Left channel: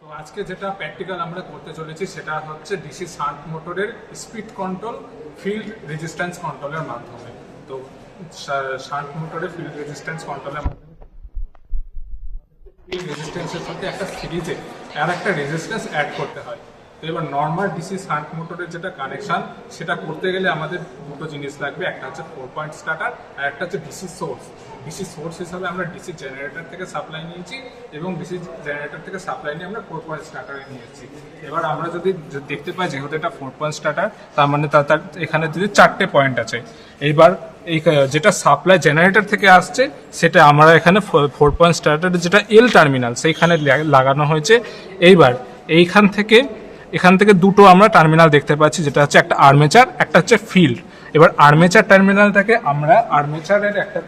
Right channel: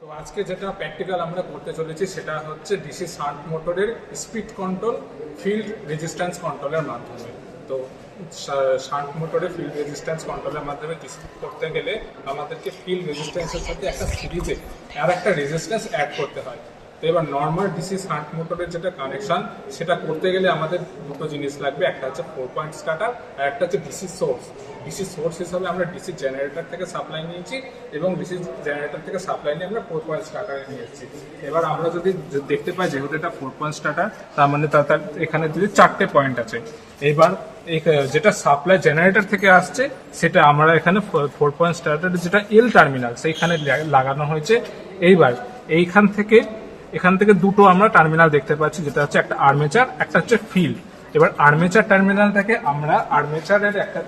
তো আজকে যেটা প্র্যাকটিক্যাল আমরা করতে চলেছি সেটা হচ্ছে ডিসি শান্ট মোটরের স্পিড কন্ট্রোল ফিল্ড রেজিস্ট্যান্স কন্ট্রোলের মাধ্যমে। তো শান্ট মোটরের ফিল্ড রেজিস্ট্যান্স কন্ট্রোলের মাধ্যমে ডিসি করতে গেলে আমাদেরকে ফিল্ড রেজিস্ট্যান্সের সাথে একটা সিরিজে আর একটা রেজিস্ট্যান্স অ্যাড করতে হয়। তো এবার নর্মাল ডিসি শান্ট মোটরের যেটা কানেকশন সেটা করতে গেলে আমাদের দুটো জিনিস লাগবে, একটা হচ্ছে 4 পয়েন্ট স্টার্টার আর একটা হচ্ছে ডিসি সোর্স। ডিসি সোর্স হিসাবে আমরা ডিসি জেনারেটর থেকে সাপ্লাই নিয়েছি এবং ডিসি জেনারেটর থেকে সাপ্লাই নিয়ে আমরা 4 পয়েন্ট স্টার্টারে নিয়েছি। এবার আমরা যদি দেখতে পাই যেহেতু এটা 4 পয়েন্ট স্টার্টার, তার মানে তার এখানে যদি 4টে পয়েন্ট আছে। এইবার এই যেটা সাপ্লাই জেনারেটর থেকে আসছে সেটা আমরা এখানে 4 পয়েন্ট স্টার্টারের যেটা এল টার্মিনাল সেইখানে লাগানো হয়েছে। এইবার এখান থেকে দুটো আমরা টার্মিনাল দেখতে পাচ্ছি, যেটা হচ্ছে একটা আর্মেচার, একটা হচ্ছে ফিল্ড। এবার আর্মেচার টার্মিনাল থেকে আমরা আর্মেচারের একটা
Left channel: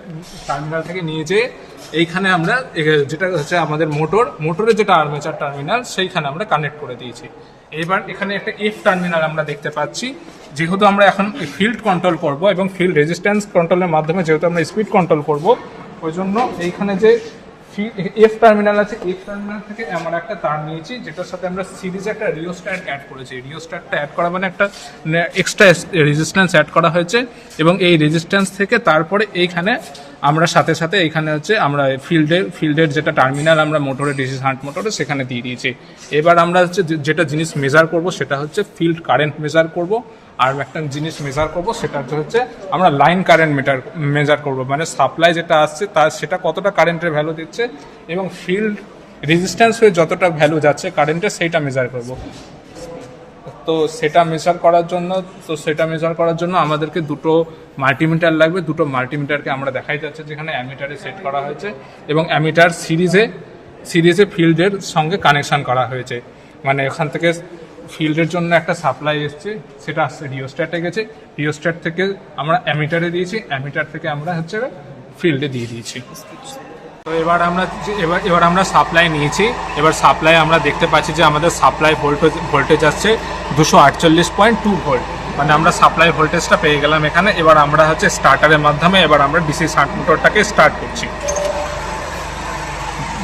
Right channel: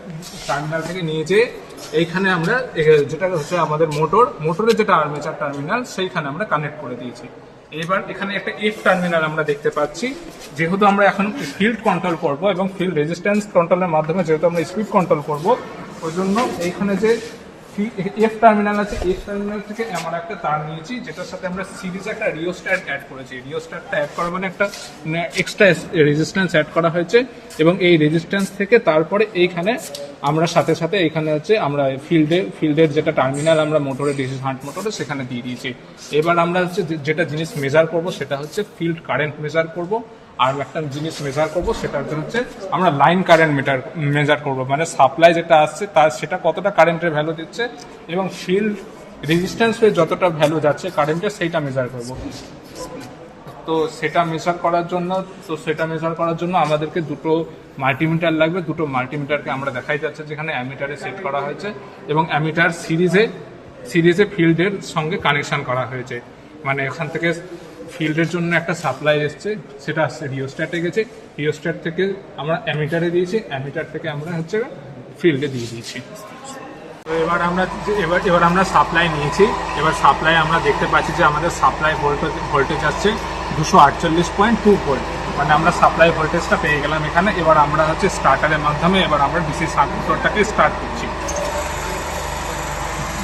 টার্মিনাল থেকে নিয়ে যেয়ে এইখানে আমরা যেটা হচ্ছে আমাদের মোটরের যেটা আর্মেচার টার্মিনাল সেইখানে আমরা কানেক্ট করে দিয়েছি। এবার এখানে একটা এফ টার্মিনাল আমরা দেখতে পাচ্ছি। যেহেতু আমরা এখন ফিল্ড কন্ট্রোল করব এবং ফিল্ড রেজিস্ট্যান্স কন্ট্রোলের মাধ্যমে যেহেতু আমরা স্পিড কন্ট্রোল করব, ওই জন্য এইখানে যে এফ টার্মিনাল আছে, এফ টার্মিনাল থেকে আমরা একটা তার নিয়েছি যেটার সাথে আমরা সিরিজে একটা রিওস্ট্যাট অ্যাড করেছি। রিওস্ট্যাটটা অ্যাড করা মানে একটা এক্সট্রা রেজিস্ট্যান্স অ্যাড করা হয়েছে এবং এই রেজিস্ট্যান্স থেকে তারপরে এইখানে আমরা সাথে সাথে এইখানে হচ্ছে আমরা ফিল্ডের যেটা টার্মিনাল আমরা মোটরে ডিসি শান্ট মোটরে সেখানে দিয়ে দিয়েছি। এবার আমরা হচ্ছে যেটা জিনিস মেজার করব সেটা হচ্ছে ফিল্ড কারেন্ট মেজার করব, আর একটা জিনিস মেজার করব সেটা হচ্ছে আমরা লাইন কারেন্ট মেজার করব, মানে সাপ্লাই যেটা আসছে তার সেটা কতটা কারেন্টের ভ্যালু দিচ্ছে এবং ফিল্ড রেজিস্ট্যান্স হয়ে যতটা ভ্যালু যাচ্ছে কারেন্টের সেইটা মেজার করব। তো সেটা মেজার করার জন্য আমাদেরকে দুটো মাল্টিমিটার লাগবে। দুটো মাল্টিমিটারকে আমরা দেখাই যাচ্ছে যেখানে অ্যামিটারে সেট করা হয়েছে এবং অ্যামিটার সিরিজে ফিল্ডের সঙ্গে কানেকশন করা হয়েছে। মানে এখান থেকে ফিল্ডের জন্য একটা সাপ্লাই এসছে, সেটা আসছে রিওস্ট্যাটে গেছে, রিওস্ট্যাট থেকে আমরা অ্যামিটারে দিয়েছি, অ্যামিটার থেকে আমরা হচ্ছে ফিল্ডে দিয়ে দিয়েছি। তো এবার আমরা সাপ্লাই নিয়েছি। এবার সাপ্লাই আমরা দেখতে পাচ্ছি যে আমাদের সাপ্লাই ভোল্টেজ আসছে 248.2 ভোল্ট, মানে আমরা সাপ্লাই ভোল্টেজটা পেয়ে গেলাম এখানে। এবার আমরা হচ্ছে স্টার্টারের মাধ্যমে এবার আমরা ডিসি শান্ট মোটরটাকে স্টার্ট করছি।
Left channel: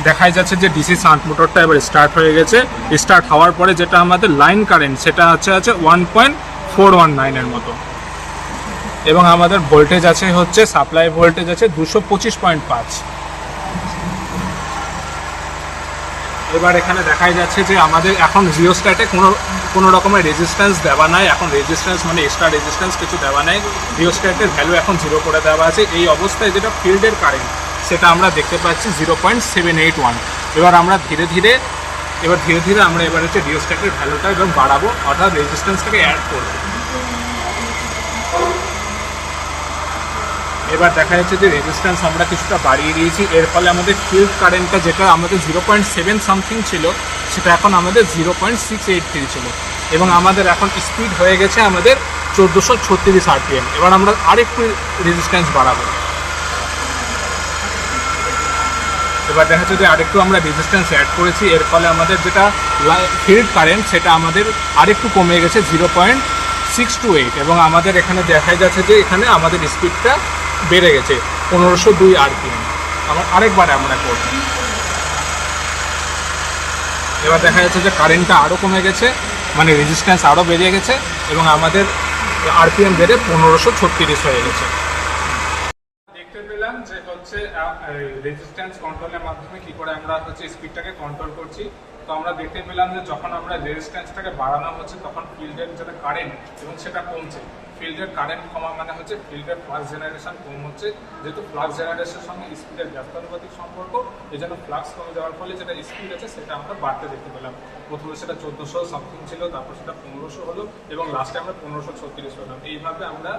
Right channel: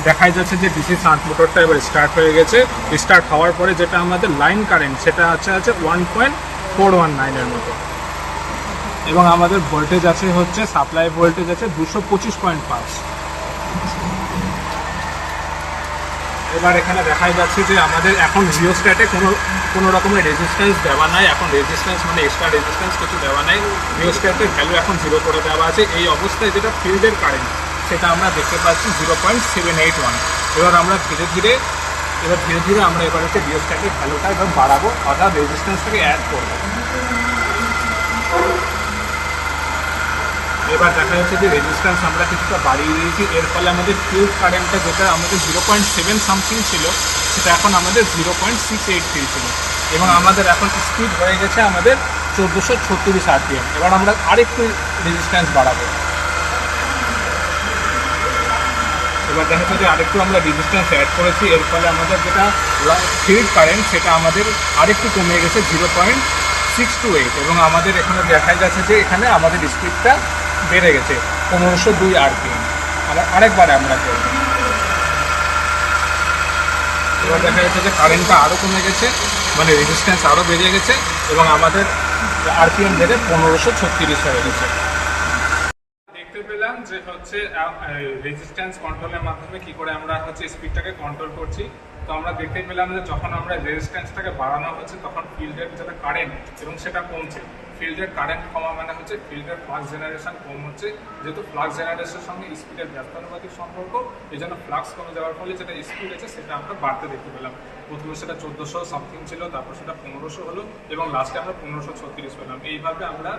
দেখাই যাচ্ছে যে ডিসি শান্ট মোটরটা এবার স্টার্ট হয়ে গেছে। স্টার্ট হওয়ার পরে যেটা আমাদের লাইন কারেন্ট সেটা হচ্ছে 1.419 এর মতো এবং আমাদের ভোল্টেজ আছে হচ্ছে সাপ্লাই ভোল্টেজ আছে 225.5। এবার এখানে দেখাই যাচ্ছে যে আমাদের এখন রিওস্ট্যাটে কোনো রকমের রেজিস্ট্যান্স দেওয়া নাই। এখন রেজিস্ট্যান্স মানে এক্সট্রা রেজিস্ট্যান্স কিছু দেওয়া নাই। রিওস্ট্যাটের ভ্যালু এখন 0 করে দেওয়া আছে। এই অবস্থায় যেটা ফিল্ডের কারেন্ট সেটা আমরা দেখতে পাচ্ছি 0.781। এবার আমরা ধীরে ধীরে আমরা এবার হচ্ছে রিওস্ট্যাটের ভ্যালুটা এবং বাড়াবো, অর্থাৎ রেজিস্ট্যান্সটাকে অ্যাড করবো। এবার দেখা যাচ্ছে যে রেজিস্ট্যান্স আমরা কিছুটা বাড়িয়ে দিয়েছি। এর ফলে আমাদের ফিল্ড কারেন্টটা যেটা আমাদের 0.7 সামথিং ছিল সেটা এখন আমাদের 0.683 ছিল এবং আমাদের এখন স্পিড হয়ে গেছে আমাদের 1436 RPM। এবার আমরা আরেকটু রেজিস্ট্যান্স বাড়াবো। এবার দেখা যাচ্ছে যে আরেকটু আমরা রেজিস্ট্যান্স অ্যাড করেছি, এর ফলে আমাদের যেটা ফিল্ড কারেন্ট সেটা আমাদের আরেকটু কমে গেছে 0.628 এবং আমাদের এখানে দেখাই যাচ্ছে যে এখানে আমাদের স্পিডটা বেড়ে গেছে 1502 RPM। আরেকবার আমরা করব। এবার দেখা যাচ্ছে যে কারেন্টটা আরও কমে গেছে, মানে রেজিস্ট্যান্স আরও বেড়ে গেছে এবং আমাদের RPM বেড়ে 1536 হয়ে গেছে। দেখতে পেলাম যে হচ্ছে রেজিস্ট্যান্স কন্ট্রোলের মাধ্যমে কি করে আমরা হচ্ছে স্পিডটাকে কন্ট্রোল করছি। তো আমরা দেখতে পেলাম যে যখন আমরা রেজিস্ট্যান্সটাকে বাড়ানো হচ্ছে তখন ফিল্ডের যেটা কারেন্ট এবং সেটা কমছে। ফিল্ডের কারেন্ট কমা মানে হচ্ছে ফিল্ডের ফ্লাক্স জেনারেশন কম হচ্ছে। যেহেতু ফ্লাক্স জেনারেশনের সঙ্গে স্পিডের ব্যস্তানুপাতিক সম্পর্ক, এই জন্য ফ্লাক্স কমে যাওয়ার ফলে যেটা স্পিড আছে সেটা আমরা বাড়তে দেখতে পেলাম। প্রথমে সেটা 1400 সামথিং ছিল, তারপর সেটা 1500 হলো এবং লাস্টে আমরা 1536 হলাম। এইভাবে আমরা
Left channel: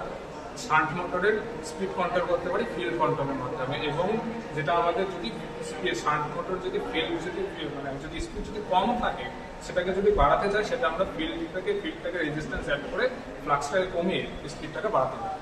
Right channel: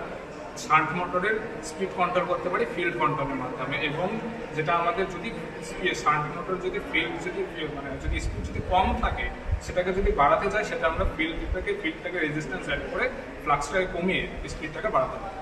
শান্ট মোটরের স্পিড কন্ট্রোল করতে পারি ফিল্ড কন্ট্রোলের মাধ্যমে। এবং যেটা আমাদের যদি শান্ট মোটর যদি যদি স্পিড যদি কম থাকে সেটাকে যদি বাড়াতে চাই সেটা আমরা ফিল্ডটাকে রেজিস্ট্যান্স অ্যাড করে ফ্লাক্সটাকে কমিয়ে স্পিডটাকে বাড়াতে পারি।